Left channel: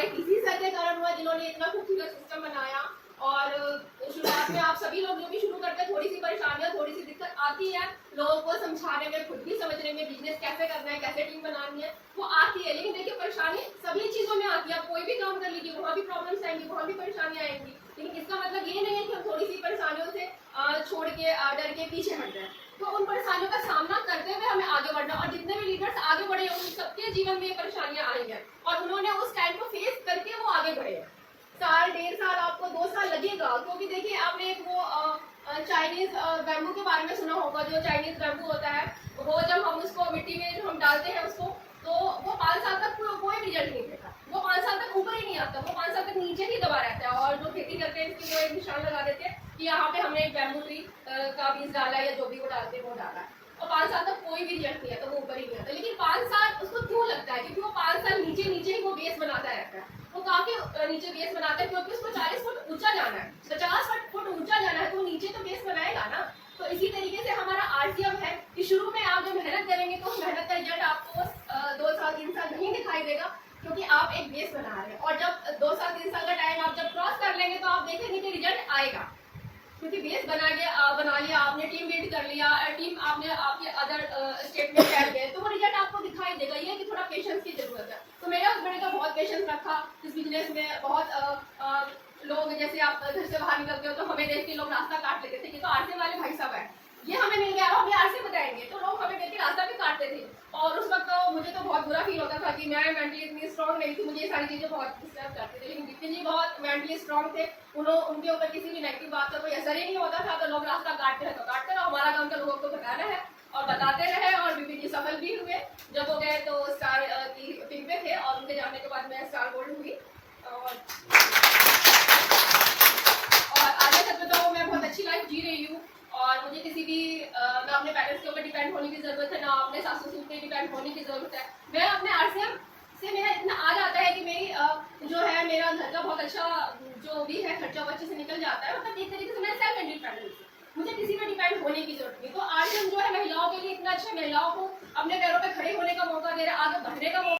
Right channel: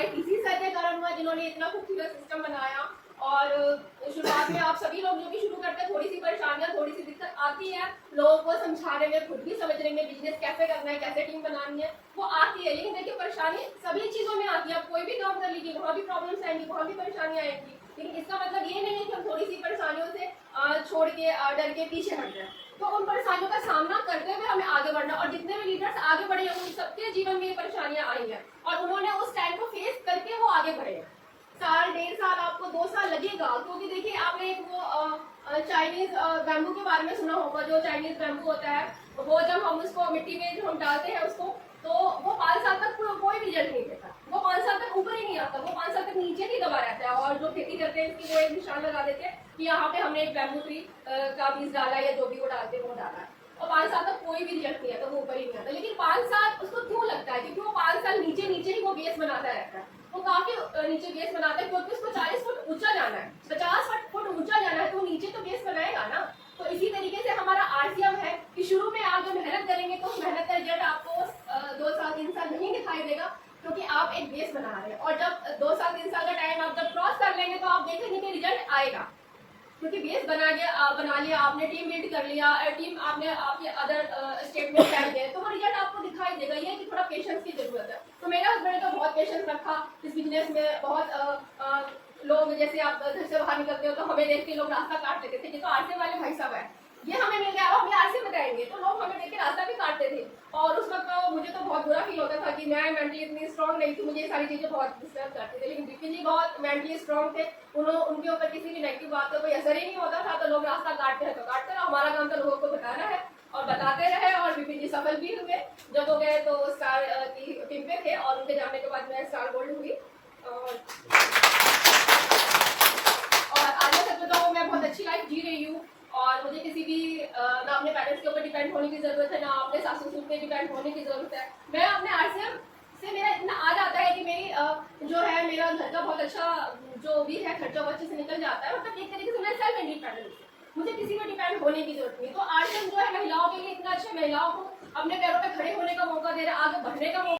हमारे किसी सर के कारण हुआ जिन्होंने इतना खूबसूरत सिस्टम बनाया। और शुरुआत में आप सभी लोग जो भी शुरू करते हैं, थोड़ी सी परेशानियां, थोड़ी सी दिक्कत आती है लोगों को समझाने में, खुद भी समझने में, बिजनेस कैसे करना है, कैसे टीम बनानी है, वो आती है। लेकिन देखिए परेशानी सभी चीजों में आती है। आप कोई भी काम कर लीजिए, वहाँ भी प्रॉब्लम्स आएंगी, वहाँ भी परेशानियां आएंगी। लेकिन इसका मतलब ये नहीं है कि हम थोड़ी सी परेशानियों से छोड़ के डर के पीछे हट जाए। तो उन परेशानियों का सामना करते हुए हमें आगे बढ़ना। और जितने भी लीडर्स आगे बढ़े हैं, उन सबके जीवन में ये परेशानियां आई हैं और उन्होंने उस टाइम को फेस करके वो आगे बढ़े हैं। साल, 1.5 साल, आपको 2 साल लगेगा, क्योंकि देखिए आपने एक वो चाइनीज बैम्बू के बारे में सुना होगा। जो चाइनीज बैम्बू होता है, वो जब हम उसको मिट्टी में जो हम डालते हैं उसको, तो वो 5 साल तक कोई रिजल्ट नहीं देता। वो 5 साल तक ऊपर ही नहीं आता, वो 5 साल तक नीचे ही दबा रहता है। और जो खेती करते हैं इसकी वो एक निशान लगा देते हैं कि यहाँ पे हमने एक बैम्बू ट्री का बीज डाला है, या जो भी वो डालते हैं वो डाला है। और 5 साल तक कोई भी रिजल्ट नहीं आता, वो ऊपर ही नहीं आता। लेकिन 5 साल उसको क्यों लगता है? क्योंकि वो 5 साल नीचे नीचे ही वो बेस बनाता रहता है। वो काफी नीचे बेस बनाते हैं, क्योंकि उसको 40 फुट ऊंचा जाना है, 50 फुट ऊंचा जाना है, तो नीचे तो बेस बनाएगा ना। तो इसी तरीके से हमारा आरसीएम है कि शुरू में आप जब मेहनत करेंगे तो मेहनत का रिजल्ट आपको 2 साल 3 साल नहीं दिखाई देगा, क्योंकि आप एक बेस बना रहे हैं। और जब 2 साल 3 साल का टाइम आप जब क्रॉस कर लेंगे तो आप देखेंगे कि रिजल्ट आएगा, क्योंकि बेस बना लिया आपने, टीम बिल्ड कर लिया, टीम आपने आपके अदर स्टेट में फैल गए, तो वो रिजल्ट आपको दिखाई देगा। ये कि थोड़ा पेशेंस की जरूरत है। तो मेरे हस्बैंड ने तो बहुत पेशेंस रखा इस बिजनेस में। बहुत लोग, जैसे आप घर से बाहर निकलते हो तो हमें देख के लोग रास्ता काट लेते थे कि तो आरसे वाले भाई साहब है, ये हमें मिल गया, हमें आरसे बताएंगे, तो लोग हमें देख के रास्ता भी काटते थे। और उस वक्त तो मुझे तो बहुत बुरा फील होता था कि मैं मेंटली इतनी स्ट्रॉन्ग नहीं थी, मुझे ये सारी चीजें बहुत डिस्टर्ब करती थी। लेकिन दीपिका जी बहुत मेंटली स्ट्रॉन्ग थे, उनके ऊपर किसी भी नेगेटिव बात का कोई असर ही नहीं होता था। तो लोग रास्ता काटते हैं तो काटते रहो, हमारा काम तो लोगों को बताना है और बताते रहे। और बीपी जी सफल भी हुए। जब वो गए तो स्टार की टीम पे थे, और उनके जाने के बाद मैं स्टार गोल्ड हुई। और आगे तक तो मैं बहुत अच्छी लाइफ जी रही हूँ। और मुझे किसी भी ना अपने पेरेंट्स के ऊपर डिपेंड होने की जरूरत है, ना अपने सासू ससुर पे डिपेंड होने की जरूरत है। मैं अपने आरसीएम से मेरा इतना आ जाता है कि मेरी जो है मेरा घर का बहुत अच्छा जो भी है खर्चा वो अच्छे से निकल जाता है। मतलब एक तरीके से मैं सेल्फ इंडिपेंडेंट, मुझे किसी पे डिपेंड होने की जरूरत नहीं। तो आरसीएम जो है महिलाओं के लिए इतना अच्छा, महिलाओं को अपने पैरों पे खड़े होने का मौका दे रहा है, आगे बढ़ने का मौका